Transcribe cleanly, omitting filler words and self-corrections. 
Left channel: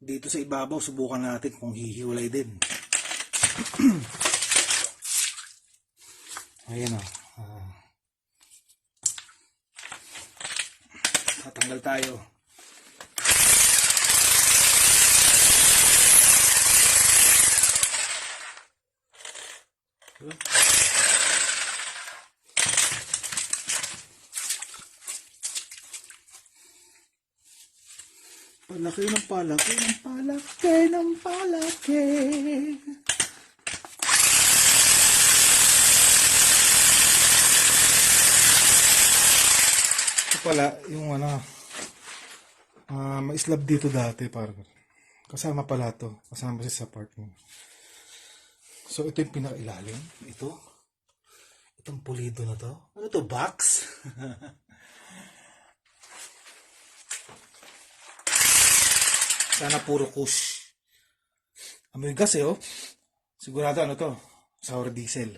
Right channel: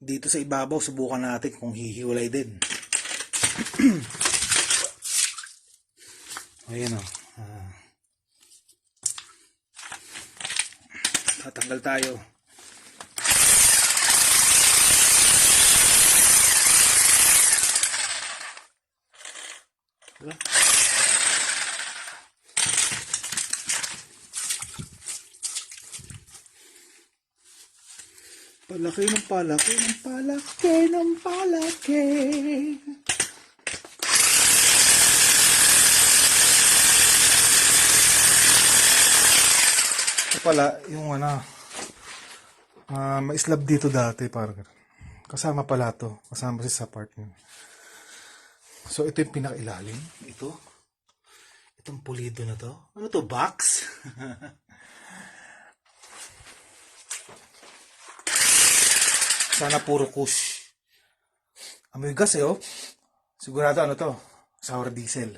Dito sa ibabaw, subukan natin kung hihiwalay din. Ayan o. Tatanggal tayo. Diba? Palaki ng palaki ng palaki ng palaki. Ito pala yung may slab dito dati parang kasama pala to, kasama siya sa apartment. So ito yung pinakailalim. Itong pulido na to. Ano to, box? Sana puro kush. Amoy gas oh. Sigurado ano to, sour diesel.